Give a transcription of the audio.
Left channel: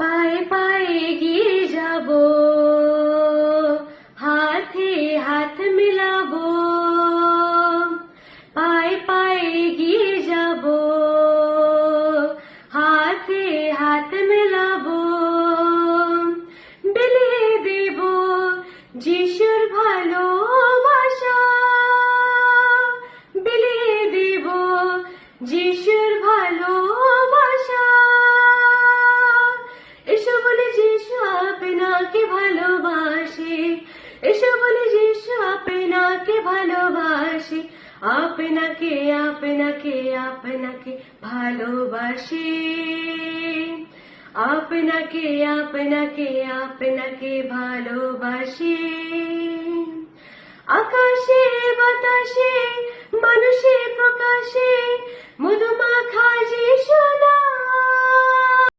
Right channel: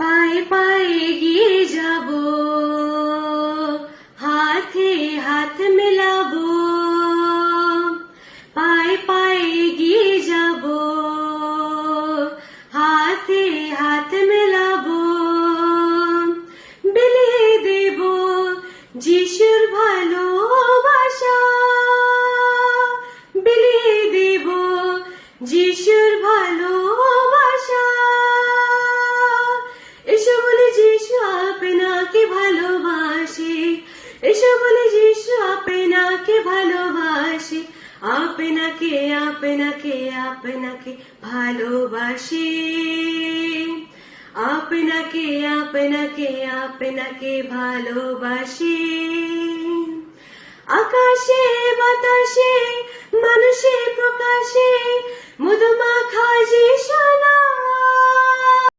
পায়ে পায়ে এগিয়ে যাব, হাতে হাত মেলাবো, পায়ে পায়ে এগিয়ে যাব, হাতে হাত মেলাবো, বিলিয়ে দেব যিশুর ভালোবাসা, বিলিয়ে দেব যিশুর ভালোবাসা। এসো বলে যিশু আপনাকে ভালোবাসে, এসো বলে যিশু আপনাকে ভালোবাসে, আপনাকে আপনাকে আপনাকে ভালোবাসে, আপনাকে আপনাকে আপনাকে ভালোবাসে। আকাশে বাতাসে মানুষে প্রকাশে মধুমাখা যে সোনা,